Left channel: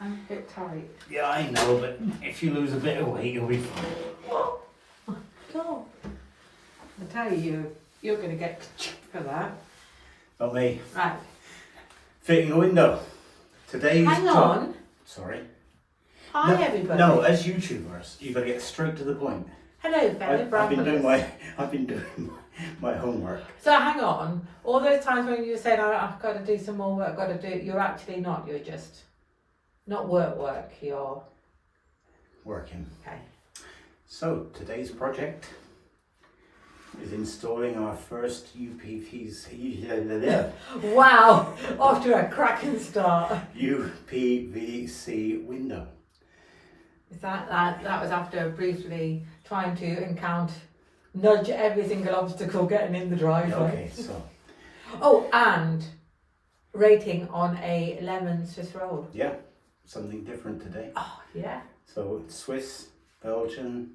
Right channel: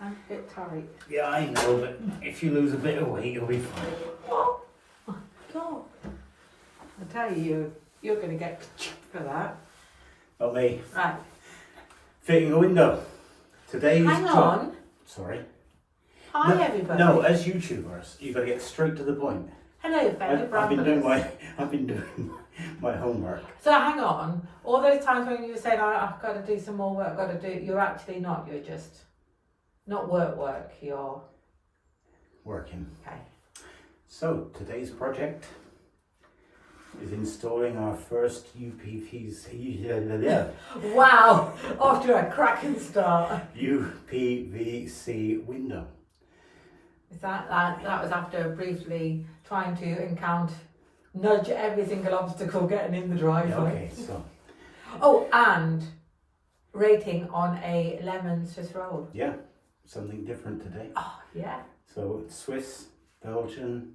I'm a bit tight. Yeah, I know, but if you lose a bit of weight, you'll be fine. Oh, God. I tell you, you're going to get for that. Not me. Right. Fitting a window. Today's Hang on. Sorry. Hi, everybody. No, as YouTubers, you've got to get straight to the point. Hello, fellow I've been doing Bramblers. my homework. So hang on. All those times when you said, I've got to do some more work, I've got to do, you're actually not. You're just not work. You're Working. okay. So today's project is installing our first UPVC. Wow, off to a cracking start. UPVC window. Is that was after briefly trying to nudge every single obstacle getting in the driveway. Okay, so Oh, and rating on a lemon Swiss roll. yeah, something different today. Oh yeah. So it's Swiss, Belgian.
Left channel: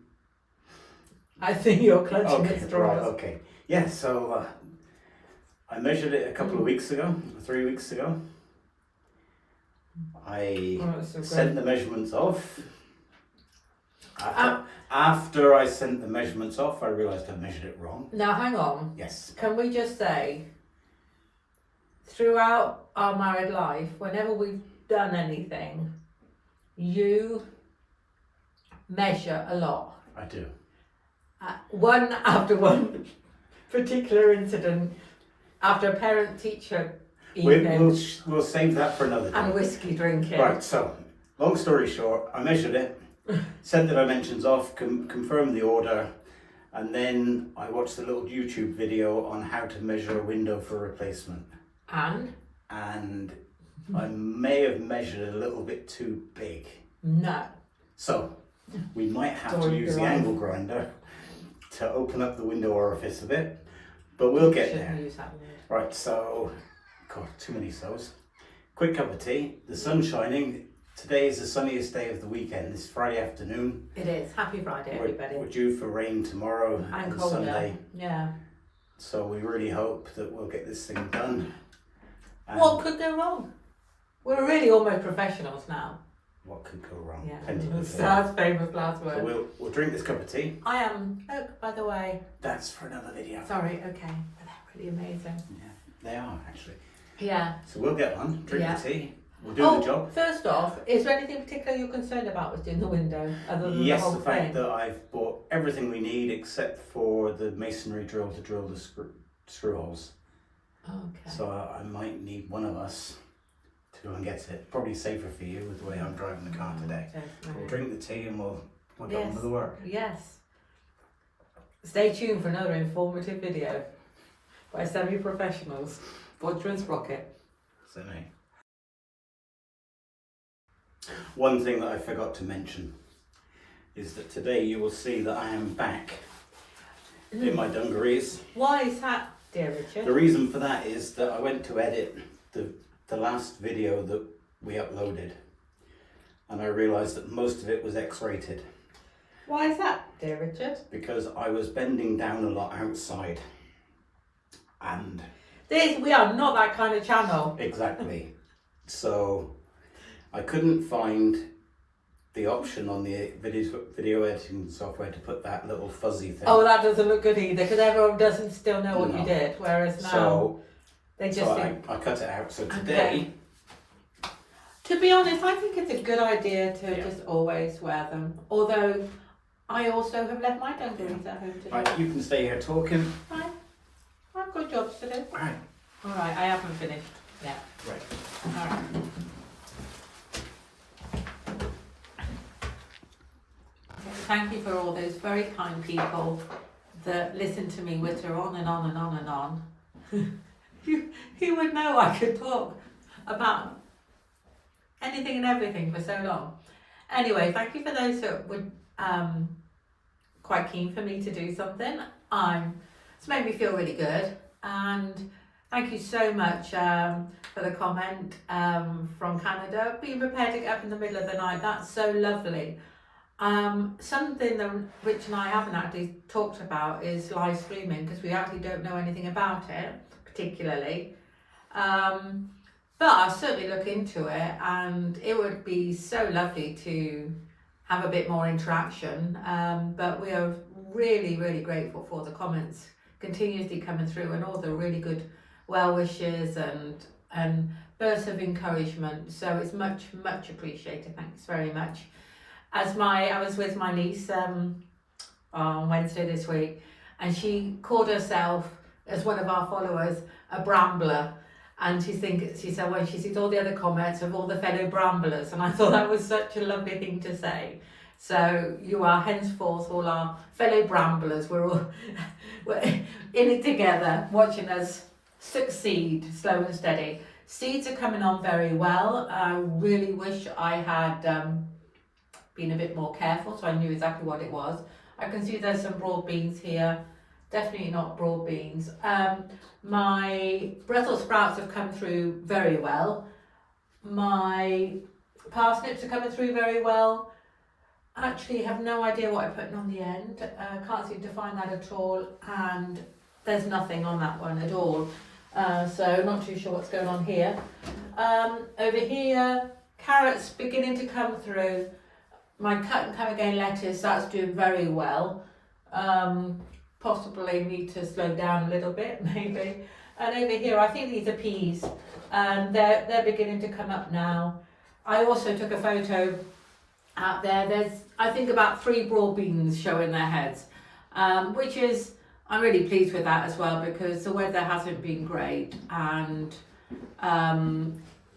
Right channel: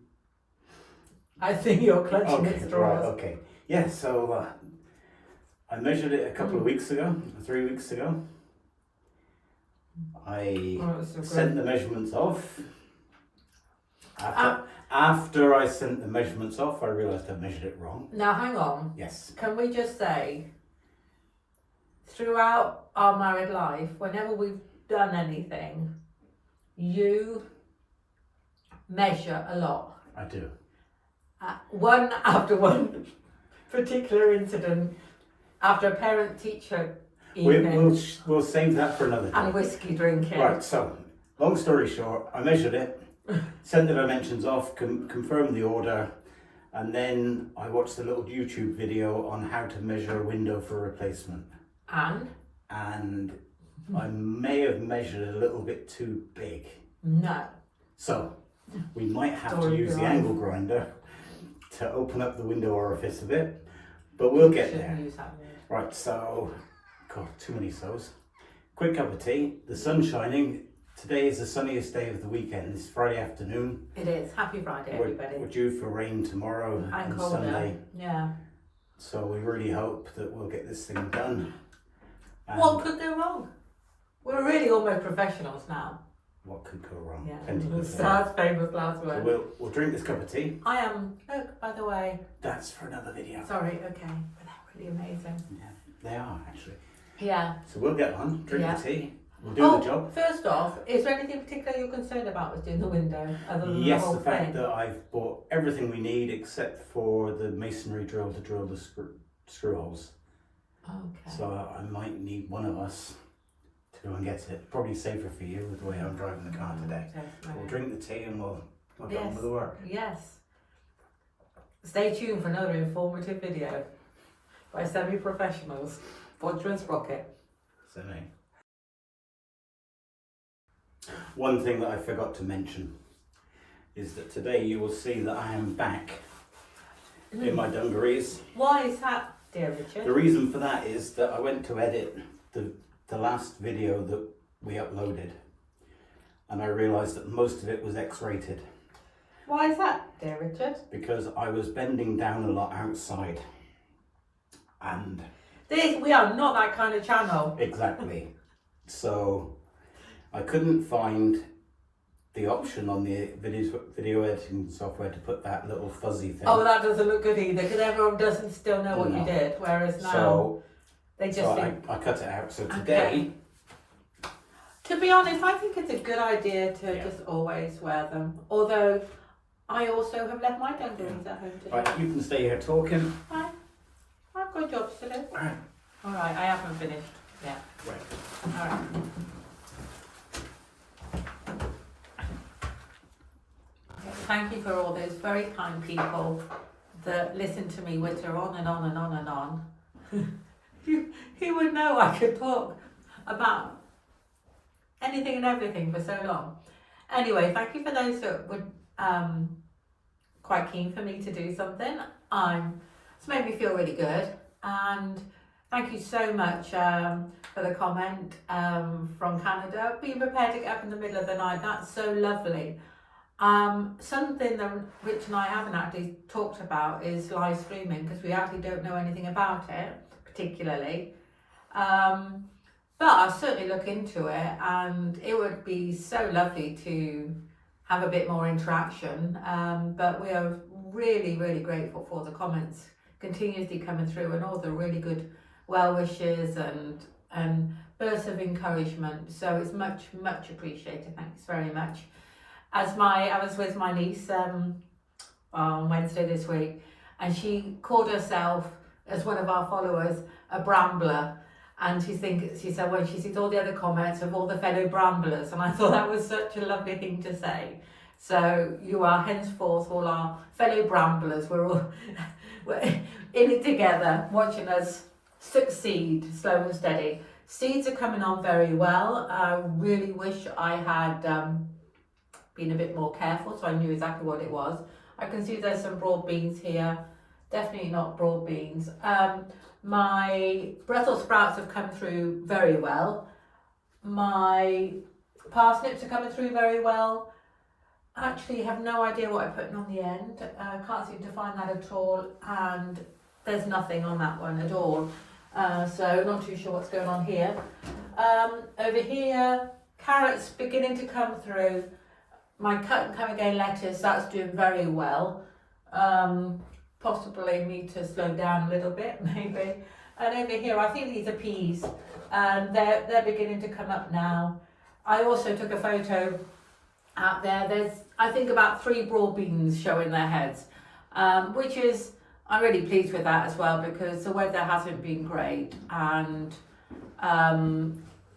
I think you're clutching Okay, at right, straws. okay. Yeah, so I measured it a couple of weeks ago, 3 weeks ago. I Oh, that's so sent good. the measurements off. After I sent the measurements off, I realised I measured it wrong. Now hang on. Yes. Can we just say, throughout our married life, whenever we've done anything, you measure a lot. I do. One after one particular incident, after a parent-teacher evening We'll save that for another and time. whiskey drinking. Right, so, long story short, I measured it, sent the dimensions off, confirmed the order, and then I watched a little YouTube video on how to measure a window for replacement. And I may have measured a little bit too big. No. So, we might have to Story use the behind. angle grinder to open up the window orifice a bit, but we'll get Shouldn't there. use that word. Right, so, God, too many so's. Quick cup of tea, the sun's shining. Today is the sunniest day of the weekend. It's Friday afternoon. It is. Happy Friday, We're everybody. due for rain tomorrow And and colder. Sunday. Yeah. So we really hope that we'll get this thing done. And What could go wrong? We're really almost professionals now. what could go wrong? Yeah. Plenty could go wrong. That's famous last So word. we'll drink this cup of tea. I am. Look, by the way. That's for another video. Sorry. Okay. But they're pretty amazing. Yeah, they are actually. Yeah. So we'll get on, drink Yeah. the tea, we'll do the job. First off, is there anything particular you're concerned about with doing the window? Other than Yes, the whole the fact thing? that I've bought everything we need except for the masonry drill to drill the screw holes. Okay. So I might need one of us to go and get it. Probably safer for you with the way I'm driving the car today. Definitely. We'll drink the tea and we'll get on with the work. Yes. Stay tuned for another informative video by semi-professionals. Bodger and Sprocket. So me. One thing that I forgot to mention is that today you will see that I am back in my dungarees. Why is that, dear Richard? The reason for that is that I went to edit the last video that we uploaded and I realised that most of it was X-rated Why is that, dear Richard? because I was bending down a lot outside and We are not that kind of channel. exactly so I couldn't find the option on the video editing software to put that little fuzzy thing. Oh, that doesn't look good either because everyone doesn't still know what No. you did. Whereas now So, they just so think. I cut it out. So today, To be honest, I think it's a good idea to Yeah. just always wear them. Although I also have left my dungarees at home today. right, you can stay here talking. Fine. I've got jobs to do. Right. Alright, I haven't finished yet. Right. Alright. Thank you for all those very kind people that listen to me witter on and on and on and on. you would know I could talk about anything and everything for so long. Anyway, thank you for those that were quite keen for me to do something. It's made me feel really good, and thank you so much for the comment from Canada. Being prepared to get up in the middle of the night, that's so lovely. Something that Rich and I haven't actually talked about is live streaming because we actually don't know anything about it particularly. But I'll certainly look into it, and it would be so lovely to have a bit more interaction. But we are really, really grateful for the comments continuously coming through, and all the really good well wishes and bursts of encouragement. So it's much, much appreciated. Thanks very much. I was with my niece on Wednesday this week, and she called herself, as one of our followers, a Brambler. And she said when she sees all the other comments of all the fellow Bramblers, and I thought that was such a lovely thing to say. So you are henceforth all our fellow Bramblers. We're in it together, watching us succeed, slow and steady. Seeds are coming on very well. I really wish I had been a bit more careful, so I knew exactly what it was. I can see there's some broad beans here. Definitely not broad beans. My Brussels sprouts have come through very well. My parsnips are coming through very well. I actually have no idea what I put on the end. I can't seem to find that at all, and there's nothing on that one at all. So not too sure what's going on here. Over here, carrots beginning to come through. My cut and come again lettuce, that's doing very well. Possibly need to slow down a little bit, maybe. And over here, I think these are peas, and they're beginning to come up now. I also took a photo out there. There's, I think, about 3 broad beans showing their heads, which is, I'm really pleased with that as well, because the weather hasn't been great, and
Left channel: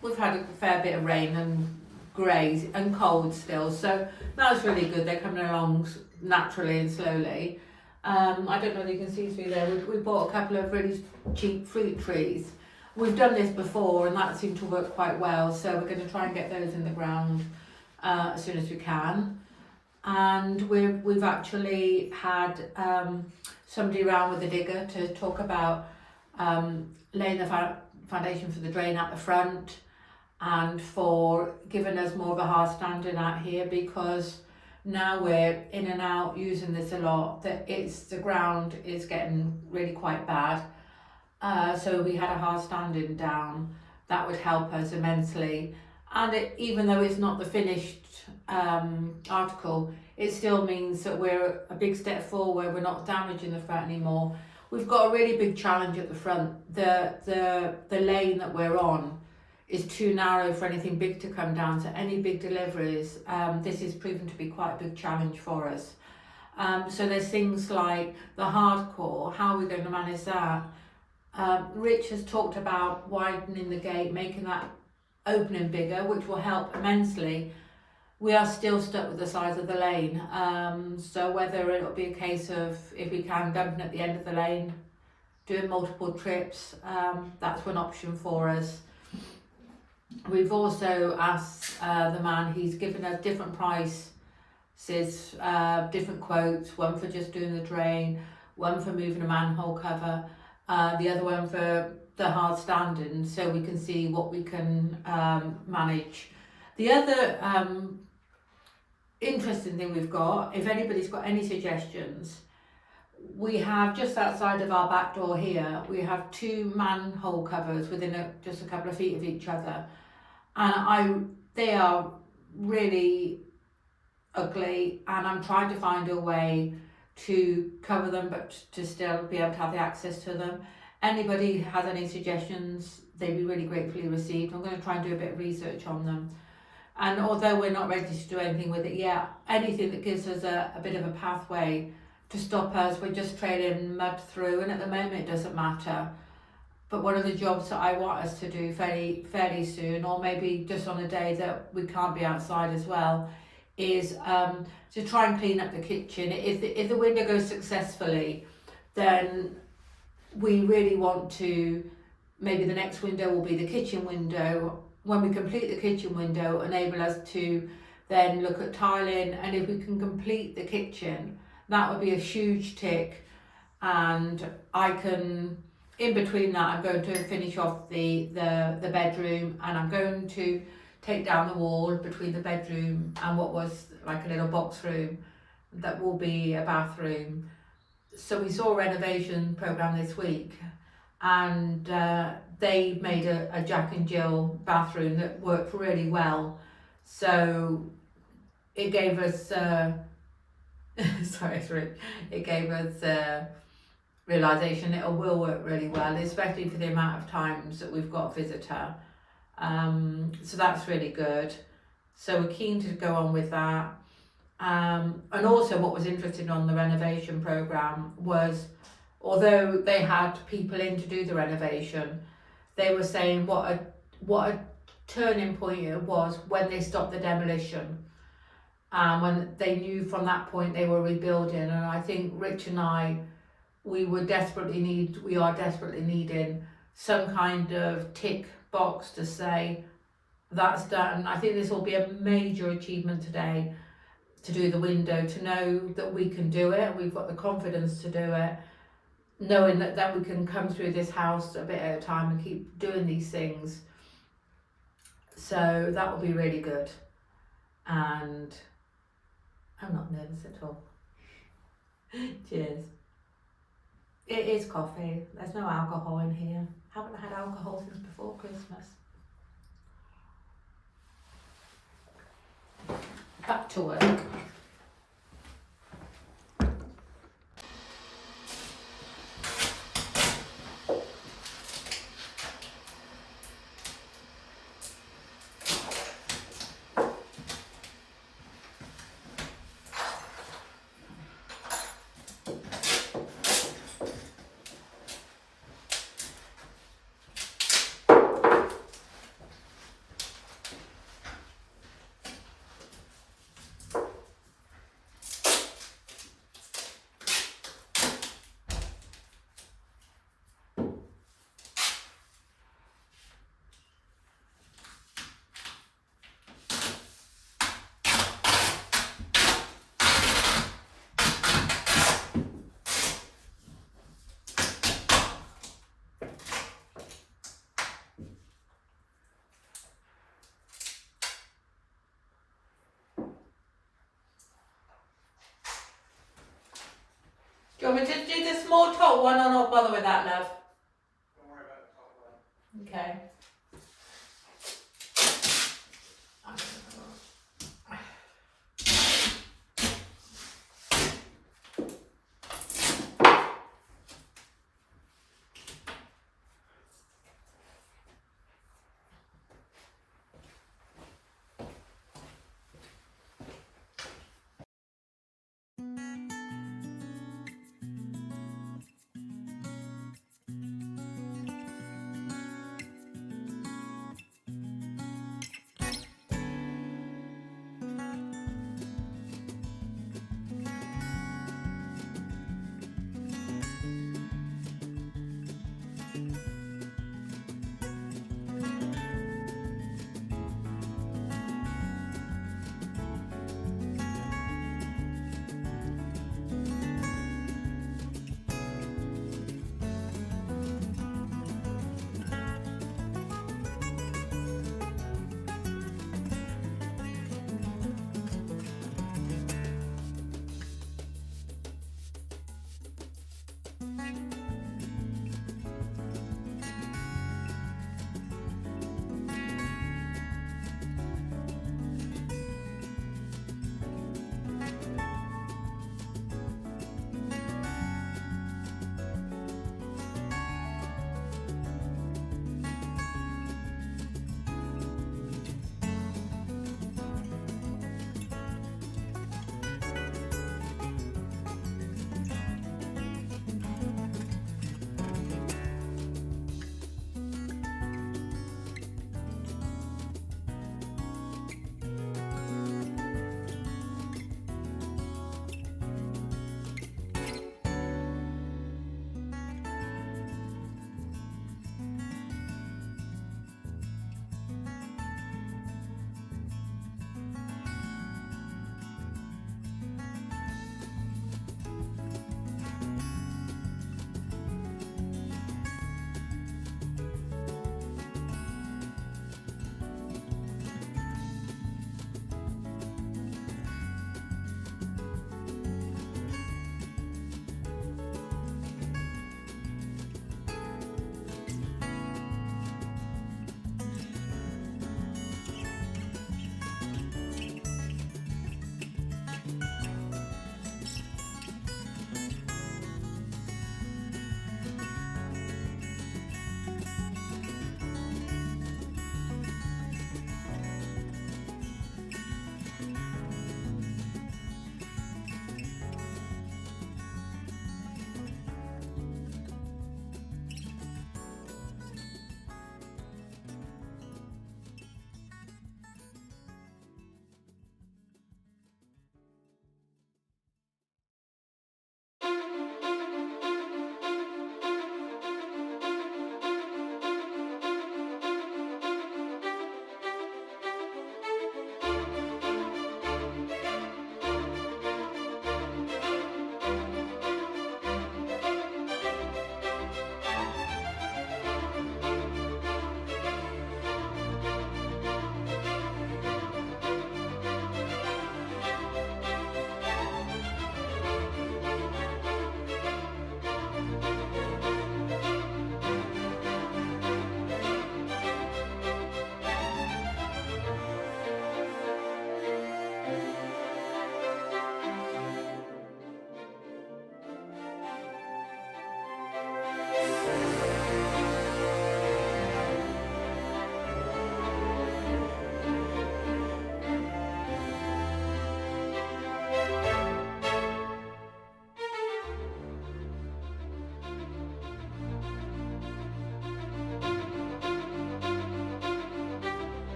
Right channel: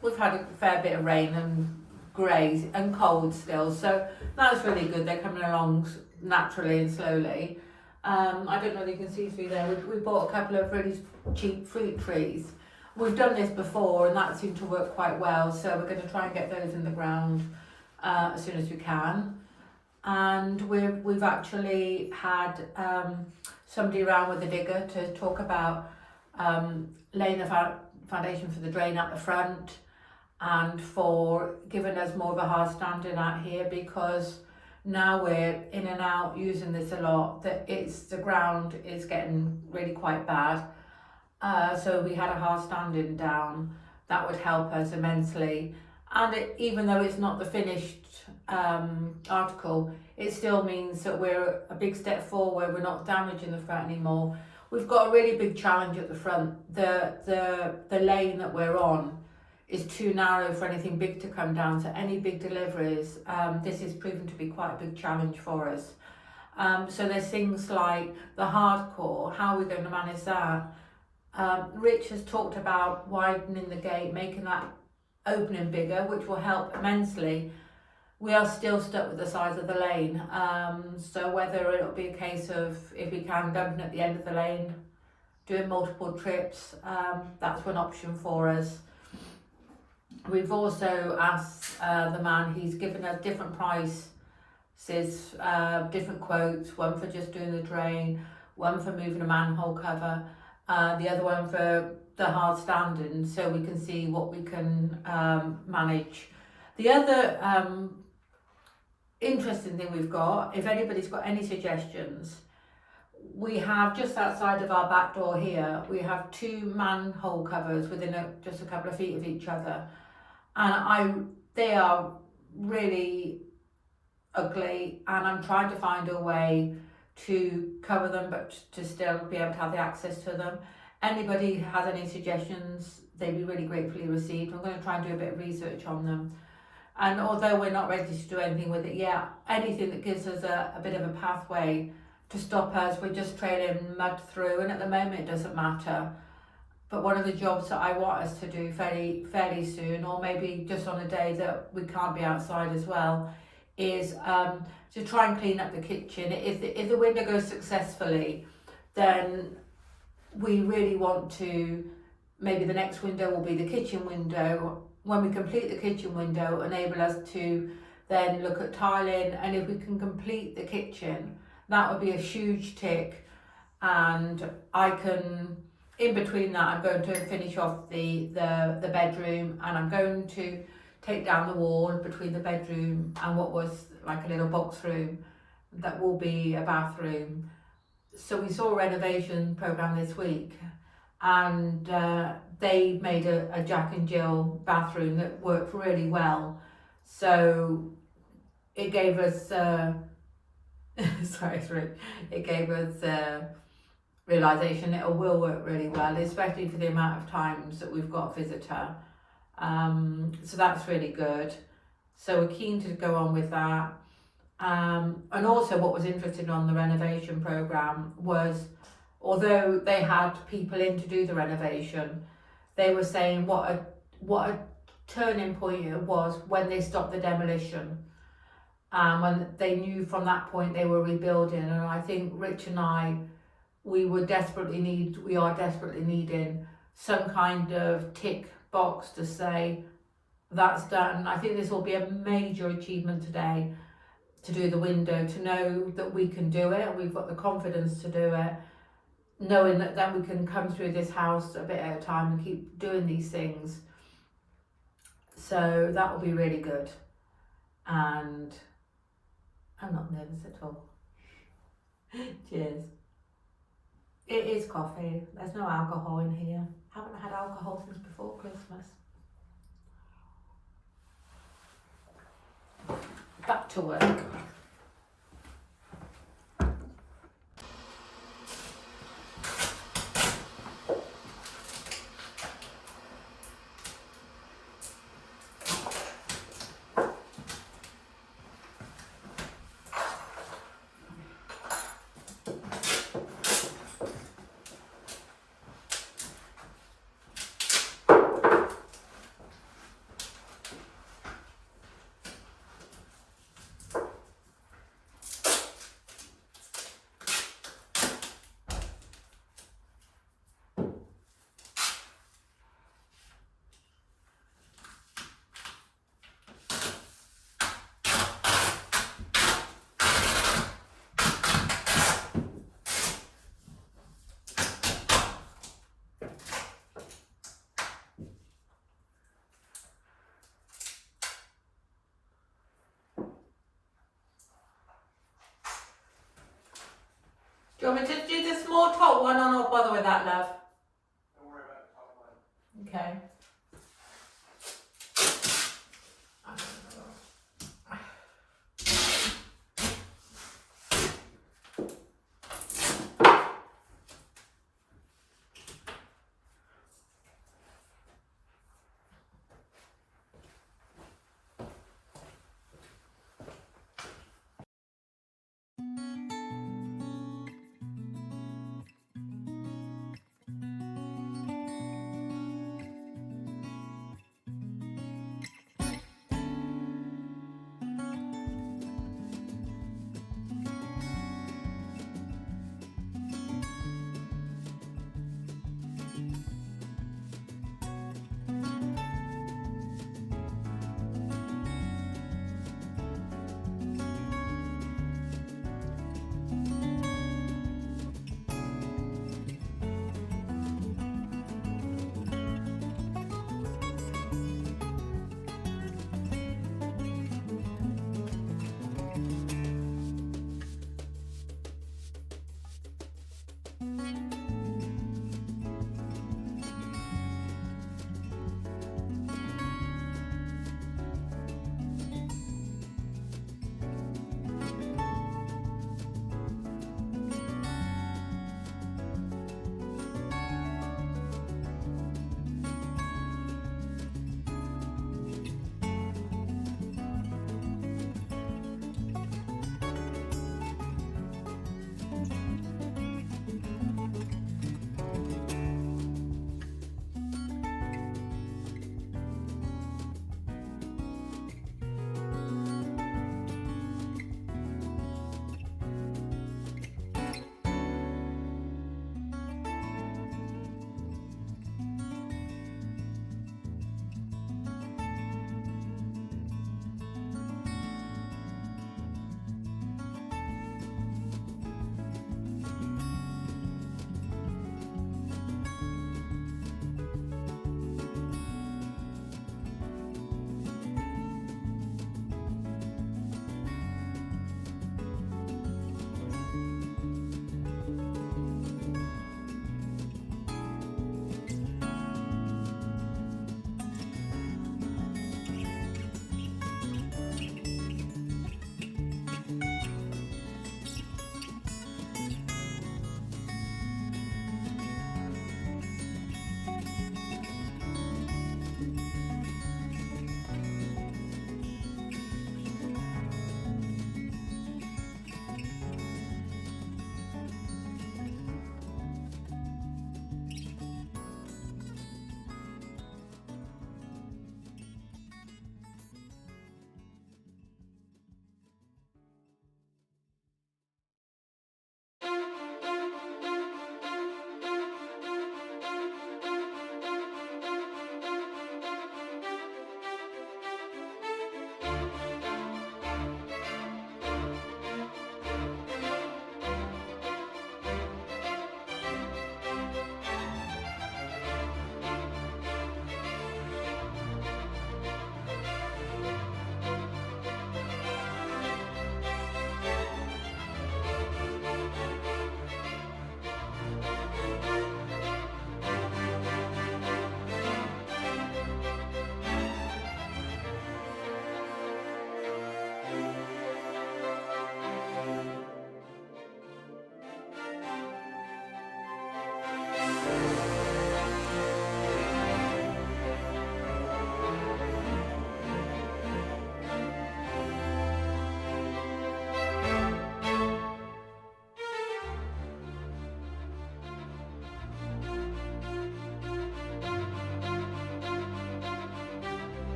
we've had a fair bit of rain and grey and cold still, so that's really good. They're coming along naturally and slowly. I don't know if you can see through there. We bought a couple of really cheap fruit trees. We've done this before, and that seemed to work quite well, so we're going to try and get those in the ground as soon as we can. And we've actually had somebody around with a digger to talk about laying the foundation for the drain at the front, and for giving us more of a hard standing out here, because now we're in and out using this a lot, that the ground is getting really quite bad. So we had a hard standing down. That would help us immensely. And even though it's not the finished article, it still means that we're a big step forward. We're not damaging the front anymore. We've got a really big challenge at the front. The lane that we're on is too narrow for anything big to come down. So any big deliveries, this is proven to be quite a big challenge for us. So there's things like the hardcore, how are we going to manage that? Rich has talked about widening the gate, making that opening bigger, which will help immensely. We are still stuck with the size of the lane. So whether it'll be a case of, if we can, dumping at the end of the lane, doing multiple trips, that's one option for us. We've also asked the man, he's given us different prices, different quotes, one for just doing the drain, one for moving a manhole cover, the other one for the hard standing, so we can see what we can manage. The other interesting thing we've got, if anybody's got any suggestions, we have just outside of our back door here, we have 2 manhole covers within just a couple of feet of each other, and they are really ugly, and I'm trying to find a way to cover them but to still be able to have the access to them. Anybody has any suggestions, they'd be really gratefully received. I'm going to try and do a bit of research on them, and although we're not ready to do anything with it yet, anything that gives us a bit of a pathway to stop us, we're just trailing mud through, and at the moment it doesn't matter. But one of the jobs that I want us to do fairly soon, or maybe just on a day that we can't be outside as well, is to try and clean up the kitchen. If the window goes successfully, then we really want to, maybe the next window will be the kitchen window. When we complete the kitchen window, enable us to then look at tiling, and if we can complete the kitchen, that would be a huge tick. And I can, in between that, I'm going to finish off the bedroom, and I'm going to take down the wall between the bedroom and what was like a little box room that will be a bathroom. So we saw a renovation programme this week, and they made a Jack and Jill bathroom that worked really well. So it gave us it gave us realization it will work really well, especially for the amount of times that we've got a visitor. So that's really good. So we're keen to go on with that. And also what was interesting on the renovation programme was, although they had people in to do the renovation, they were saying what a turning point it was when they stopped the demolition. When they knew from that point they were rebuilding. And I think Rich and I, we are desperately needing some kind of tick box to say that's done. I think this will be a major achievement today, to do the window, to know that we can do it, and we've got the confidence to do it, knowing that we can come through this house a bit at a time and keep doing these things. So that will be really good, and I'm not nervous at all. Cheers. It is coffee, there's no alcohol in here. Haven't had alcohol since before Christmas. Back to work. Do you want me to do the small top one or not bother with that, love? Don't worry about the top one. Okay.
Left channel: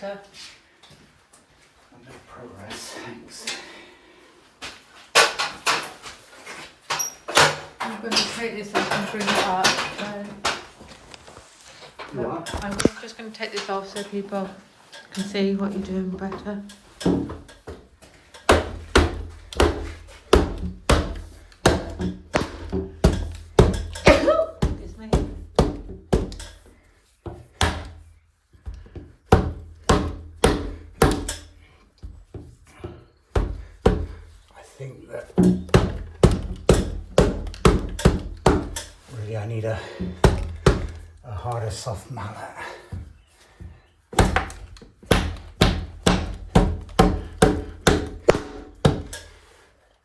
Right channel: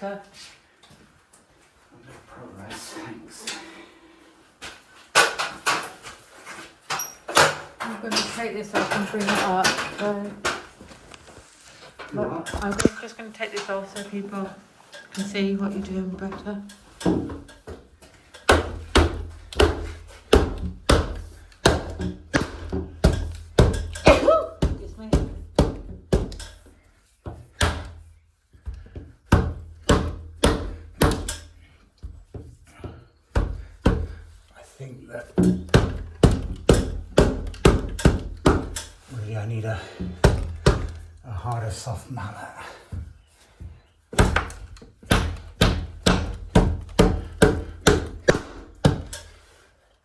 better. I'll make progress, thanks. I'm going to take this off and bring it up. You what? I'm just going to take this off so people can see what you're doing better. Excuse me. I think that really I need a harder soft mallet.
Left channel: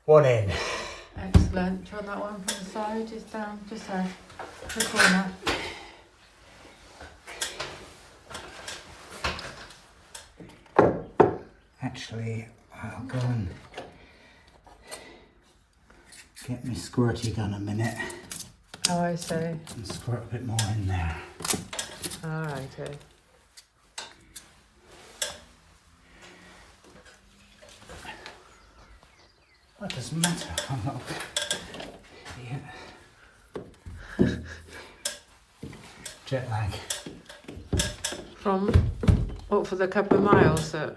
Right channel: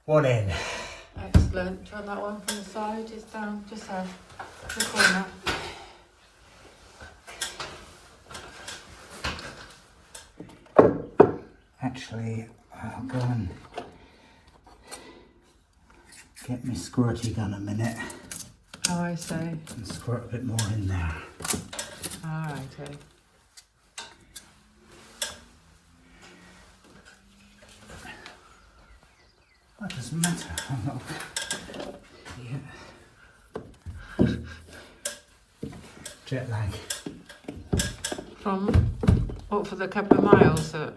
One in. Excellent. Turn that one from the side, just down, just there, the corner. Actually, I'll go and get my squirty gun a minute Oh, I see. and squirt a bit more in there. Alrighty. That doesn't matter. I'm not. Yeah. Jet lag. From, what, for the couple of miles that...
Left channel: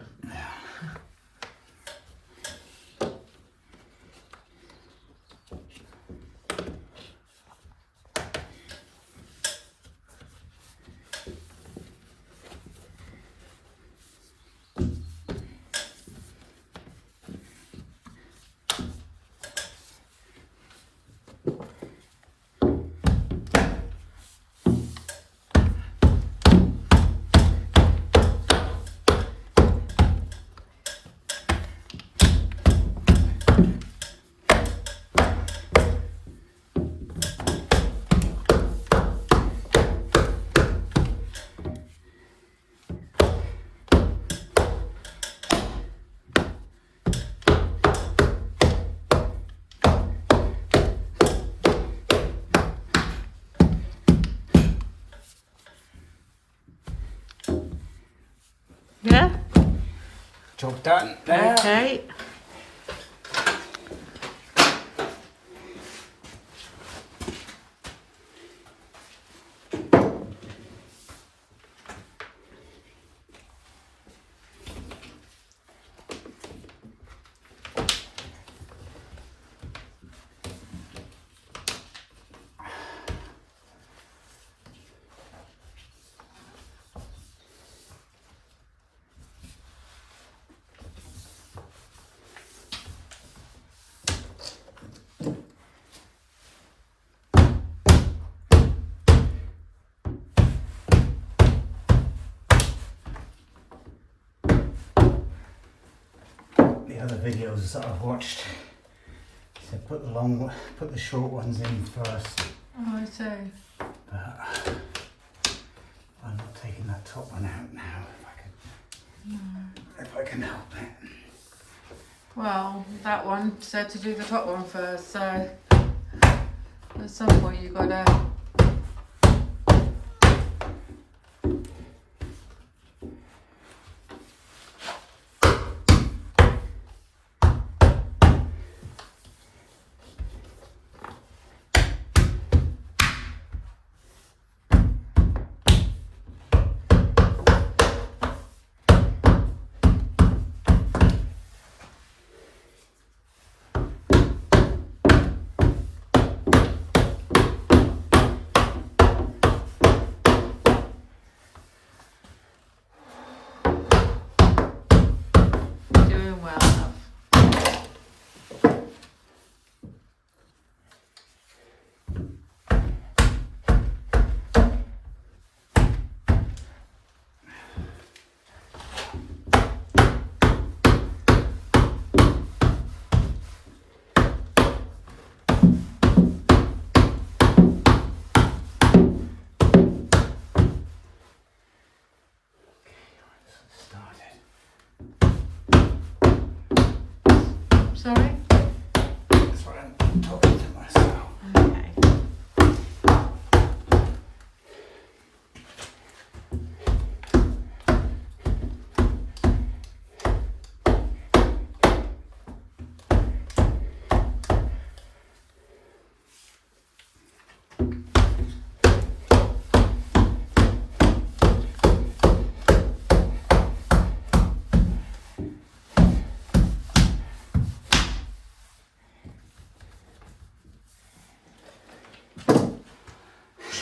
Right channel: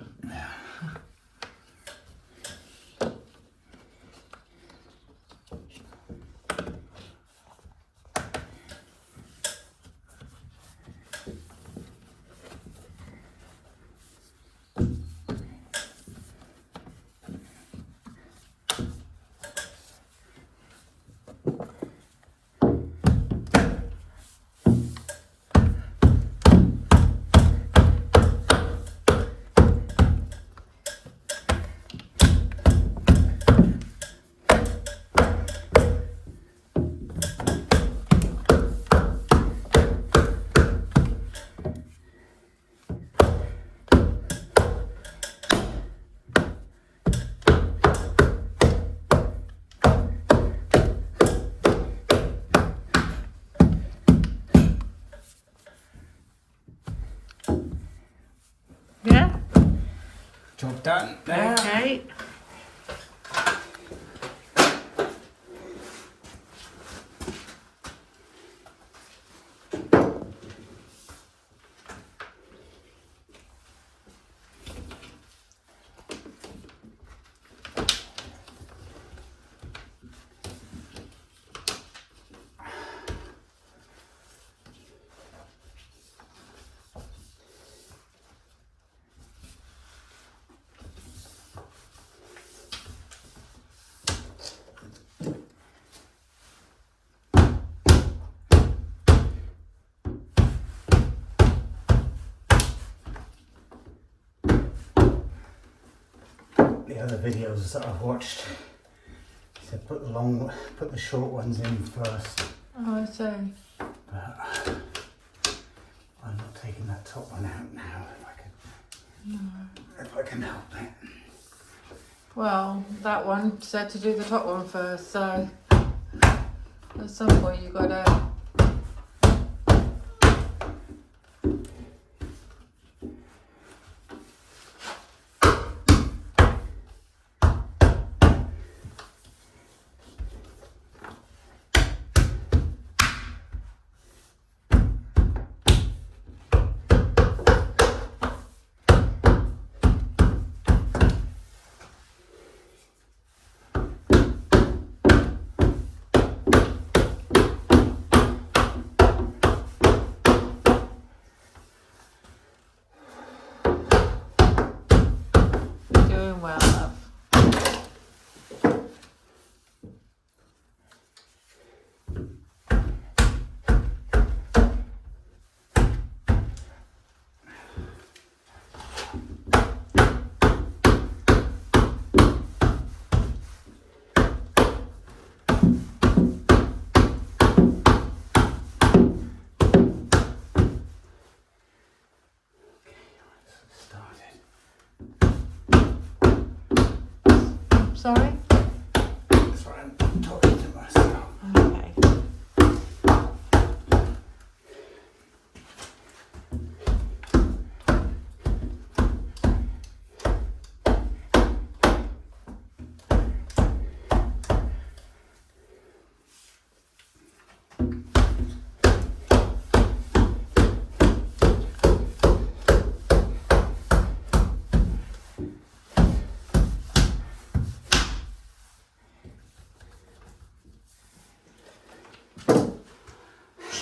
Yeah? Job done. There. Okay. The other videos that I've watched, he said put the short ones in first. Oh, I see. But I'm not taking that top one out now if I can help it. Well, that one said to do the top one first, so at some point you gotta...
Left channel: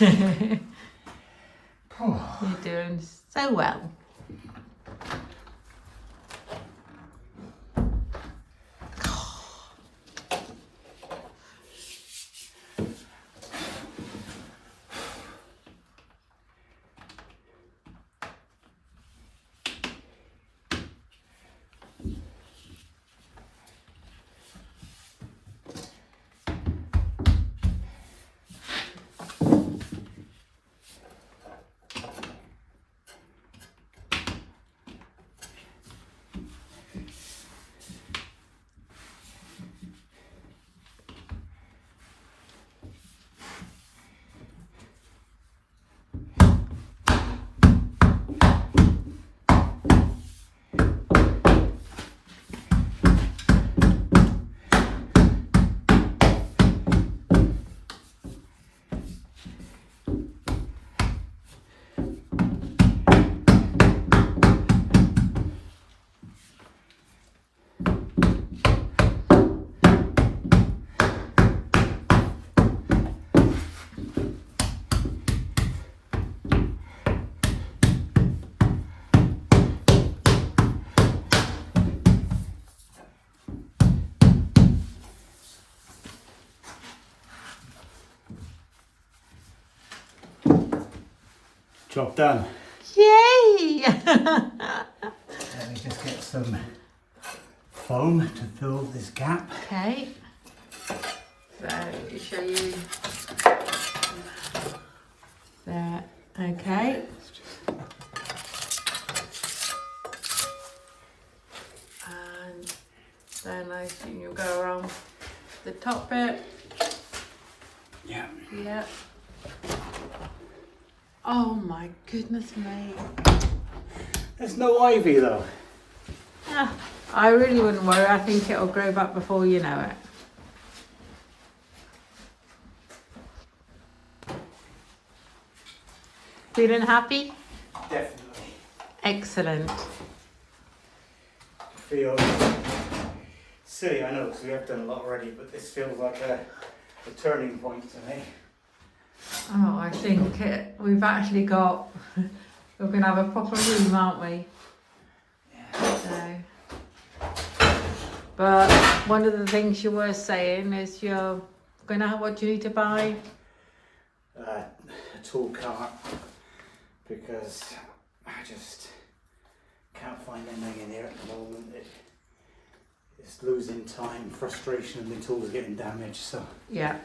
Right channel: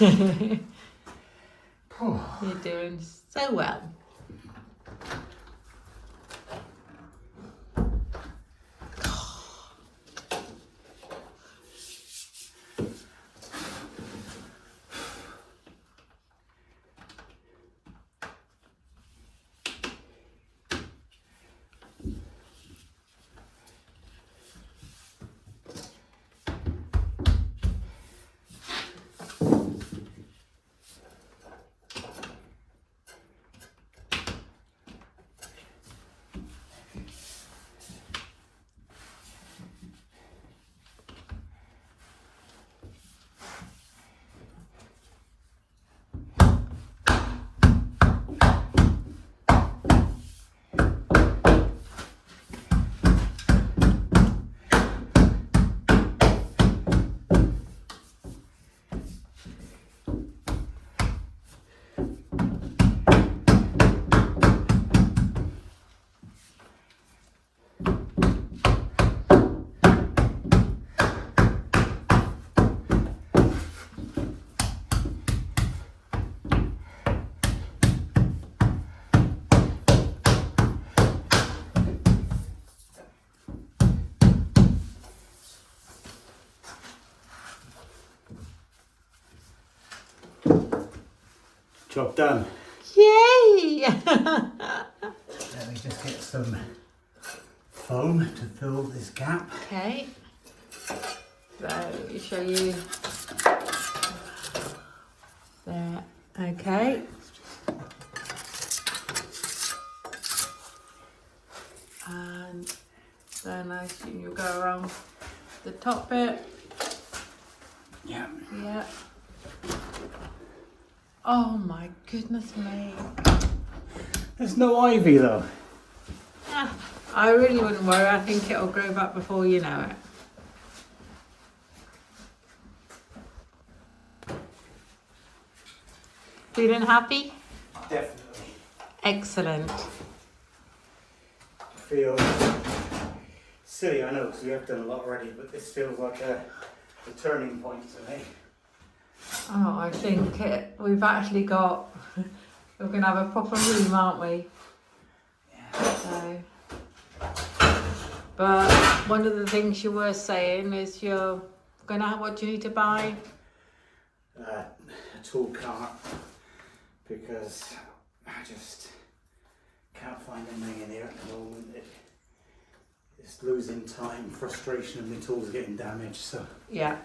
You're doing so well. Job done. Yay! Let me just get some foam to fill this gap. Okay. So, show you there. Okay. And then I assume you'll go around the top bit. Yeah. Yeah. Oh my goodness me. There's no ivy though. Yeah, I really wouldn't worry. I think it'll grow back before you know it. Feeling happy? Definitely. Excellent. Feels silly, I know, because we have done a lot already, but this feels like a turning point to me. Oh, I think we've actually got, we're going to have a proper room, aren't we? Yeah. So, but one of the things you were saying is you're going to have, what do you need to buy? A tool cart, because I just can't find anything in here at the moment. It's losing time, frustration, and the tools are getting damaged. So Yeah.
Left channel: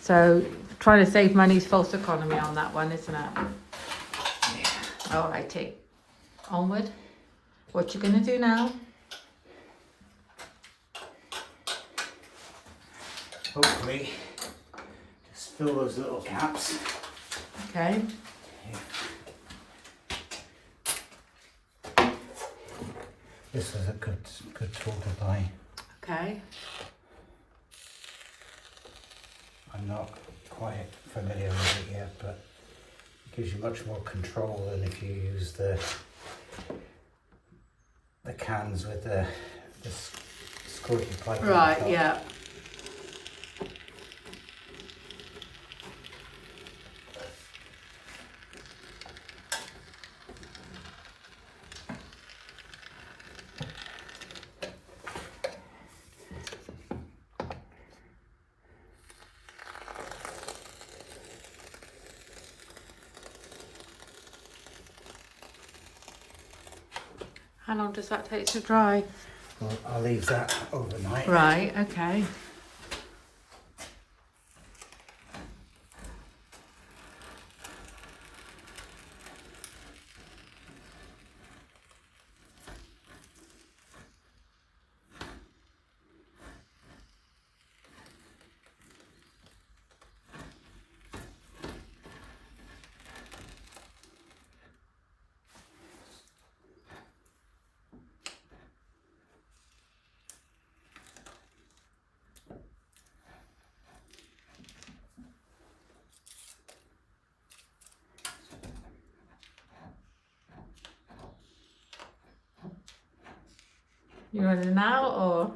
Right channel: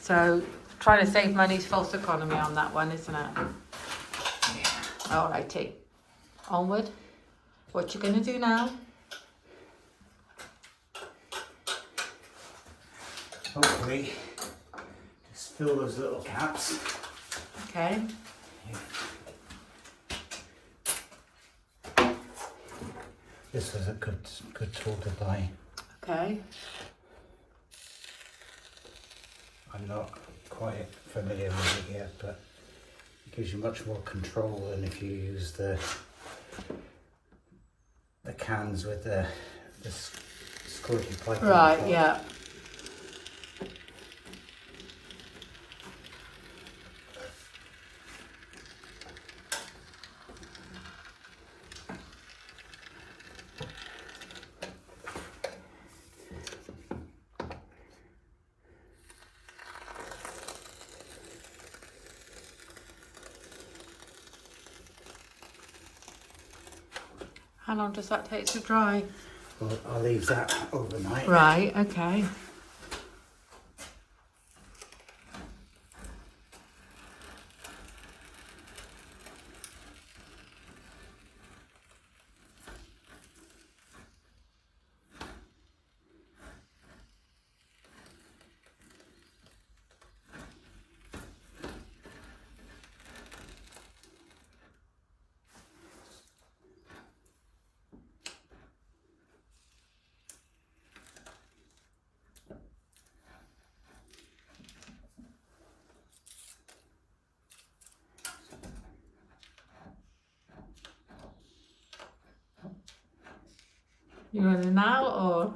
So trying to save money is false economy on that one, isn't it? yeah. Alrighty. Onward. What you gonna do now? Hopefully, just fill those little gaps. Okay. This was a good tool to buy. Okay. I'm not quite familiar with it yet, but it gives you much more control than if you use the cans with the squirty pipe. Right, yeah. How long does that take to dry? Well, I'll leave that overnight. Right, okay. You running now or?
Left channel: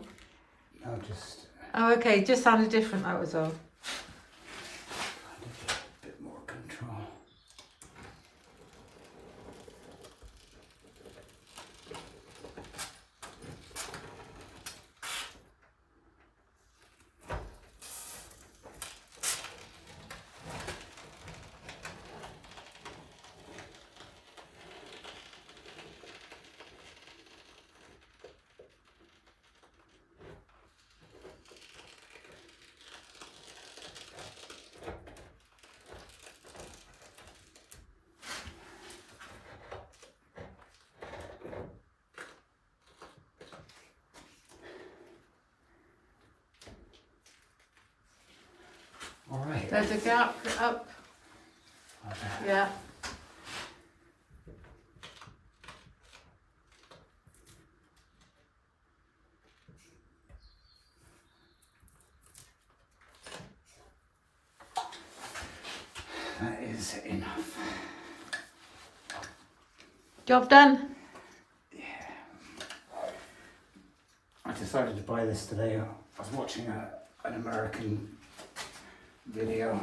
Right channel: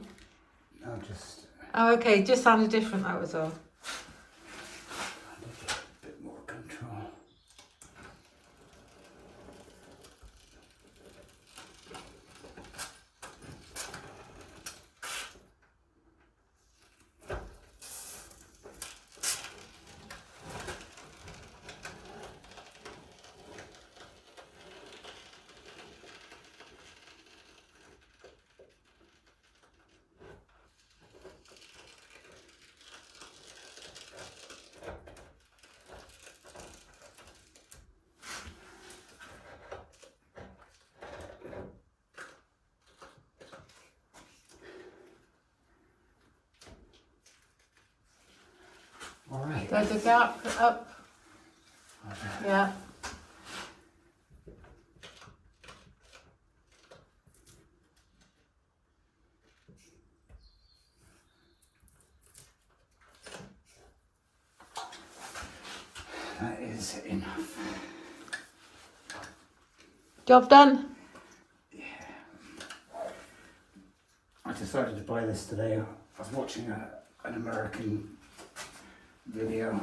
I'll just Oh, okay, just sounded different, that was all. find it a bit There's a gap up. Okay. Yeah. That is enough. Job done. I decided to buy this today. I was watching an American video.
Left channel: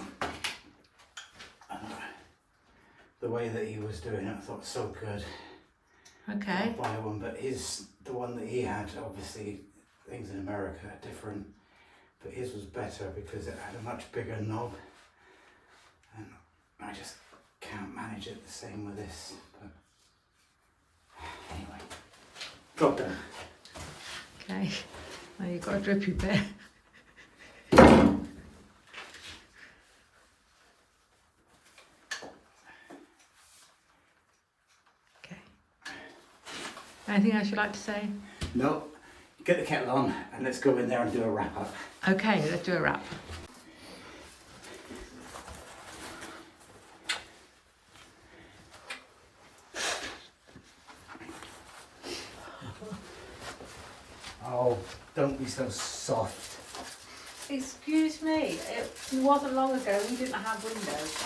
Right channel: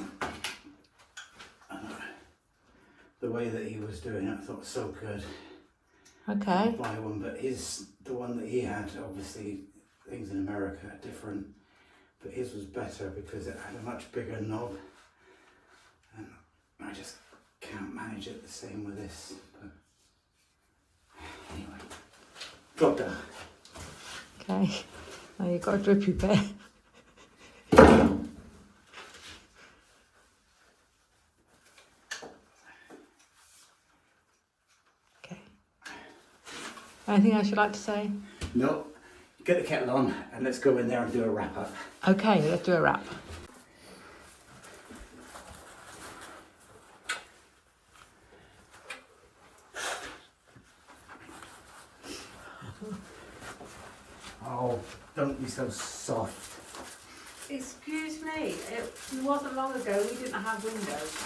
The way that he was doing it, I thought was so good. Okay. Buy one, but the one that he had, obviously things in America are different, but his was better because it had a much bigger knob, and I just can't manage it the same with this. But anyway, got done. Okay. Now you've got a drippy bit. Okay. Anything else you'd like to say? No, get the kettle on and let's go in there and do a wrap up. Okay, let's do a wrap. Oh, don't be so soft. Excuse me, it wasn't long ago we didn't have windows.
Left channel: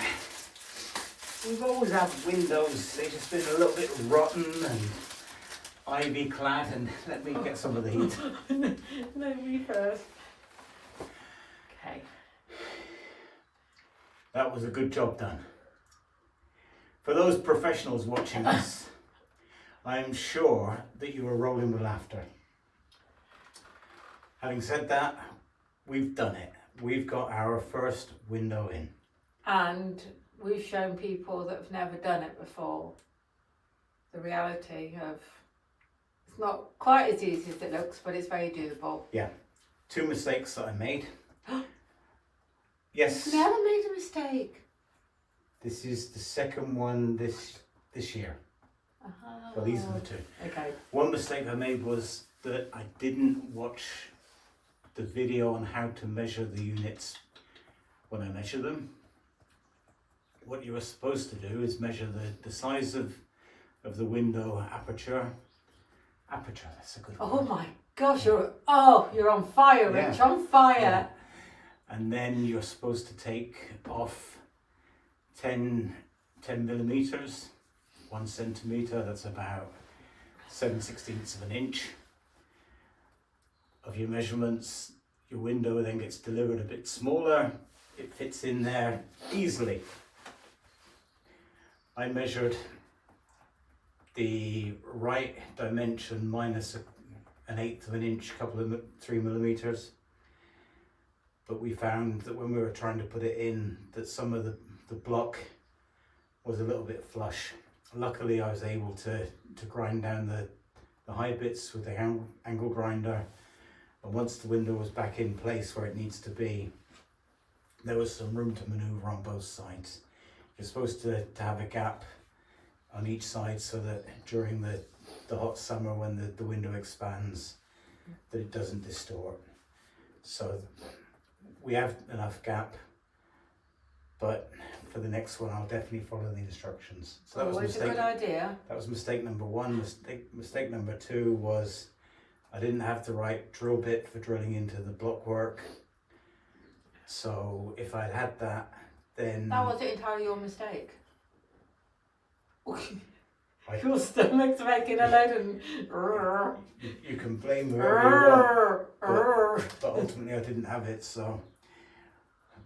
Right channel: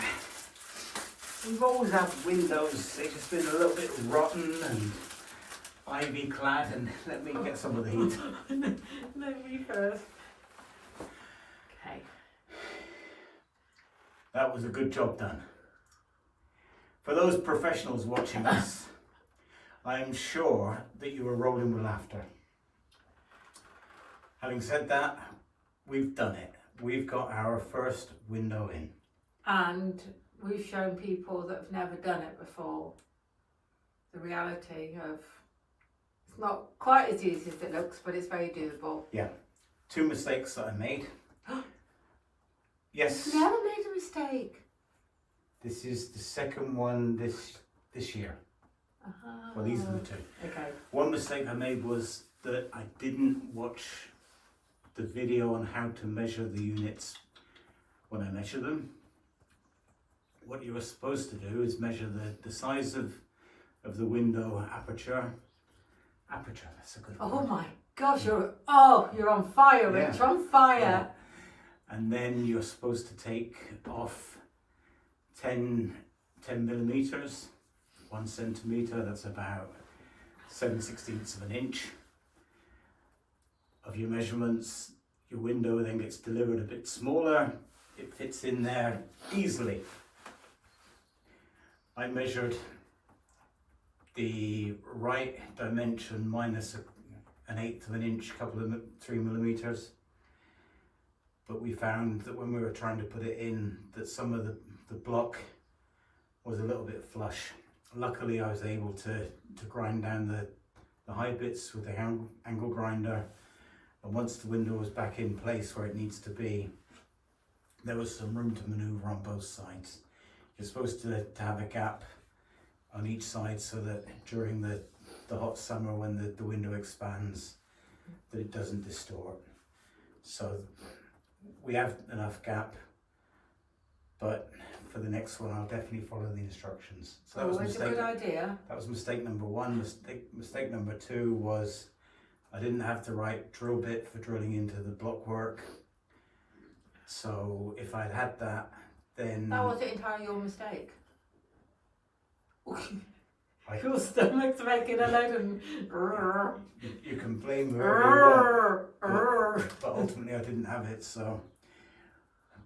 We've always had windows, they've just been a little bit rotten and ivy clad, and let me get some of the heat. No, me first. Okay. That was a good job done. For those professionals watching us, I am sure that you were rolling with laughter. Having said that, we've done it. We've got our first window in. And we've shown people that have never done it before the reality of it's not quite as easy as it looks, but it's very doable. Yeah. 2 mistakes that I made. Yes. Never made a mistake. This is the second one this year. Well, these are the 2. Okay. One mistake I made was that I didn't watch the video on how to measure the units when I measure them. What you were supposed to do is measure the size of the window aperture. Aperture, that's a good Oh word. my gosh, you're on fire, Yeah. Rich, on fire. Yeah. And then you're supposed to take off 10 millimeters, 1 centimeter, that's about 7/16 of an inch of your measurements. Your window then gets delivered a bit smaller, it fits in there easily. I measured the right dimension minus 1/8 of an inch, 3 millimeters. But we found that when we were trying to put it in, that some of the block was a little bit flush. Luckily, I was able to grind down the high bits with the angle grinder. And once the window was back in place where it needs to be, there was some room to maneuver on both sides. You're supposed to have a gap on each side so that during the hot summer when the window expands, that it doesn't distort. So we have enough gap, but for the next one I'll definitely follow the instructions. So that was Always a good idea. That was mistake number 1. Mistake number 2 was I didn't have the right drill bit for drilling into the block work. So if I'd had that, then That wasn't entirely your mistake. I- Your stomach's making a load of... you can blame whoever you want, but ultimately I didn't have it, so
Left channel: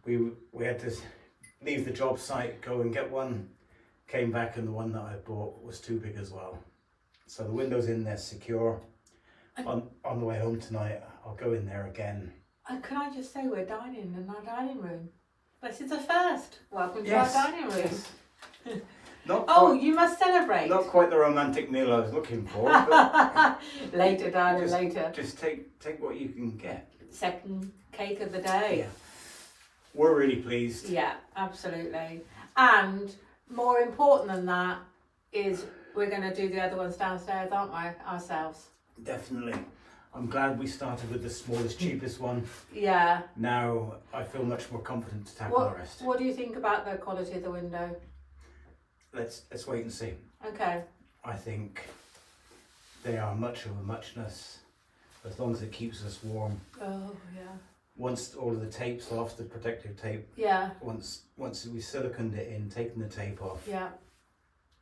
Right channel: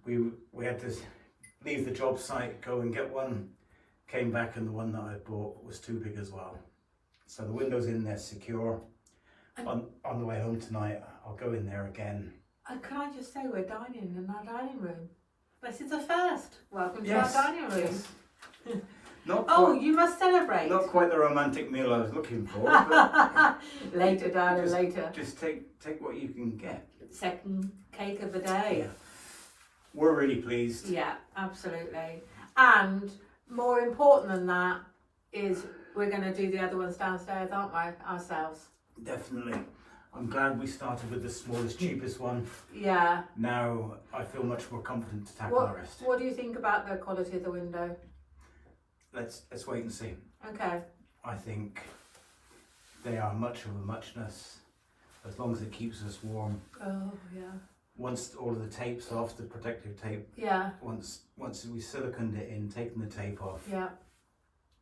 we had to leave the job site, go and get one, came back and the one that I bought was too big as well. So the window's in there secure. On the way home tonight, I'll go in there again. Can I just say we're dining in our dining room? This is a first. Welcome Yes, to our dining room. yes. Not Oh, quite, you must celebrate. not quite the romantic meal I was looking for, but Later, darling, later. just take what you can get. Second cake of the day. Yeah. We're really pleased. Yeah, absolutely. And more important than that is we're going to do the other ones downstairs, aren't we, ourselves? Definitely. I'm glad we started with the smallest, cheapest one. Yeah. Now I feel much more confident to tackle the rest. What do you think about the quality of the window? Let's wait and see. Okay. I think they are much of a muchness, as long as it keeps us warm. Oh yeah. Once all of the tape's off, the protective tape. Yeah. Once we siliconed it in, taken the tape off. Yeah.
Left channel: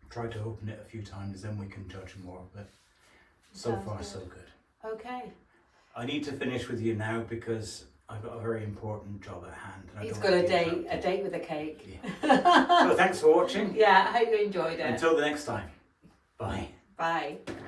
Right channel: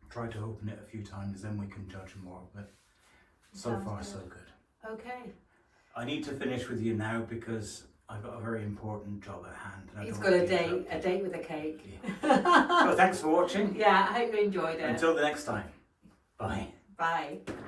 Try to open it a few times, then we can judge more. But so Sounds far, good. so good. Okay. I need to finish with you now because I've got a very important job at hand. And I He's don't got want a to be date interrupted. with a cake. Yeah. So thanks for watching. Yeah, I hope you enjoyed it. Until the next time. Bye. Bye.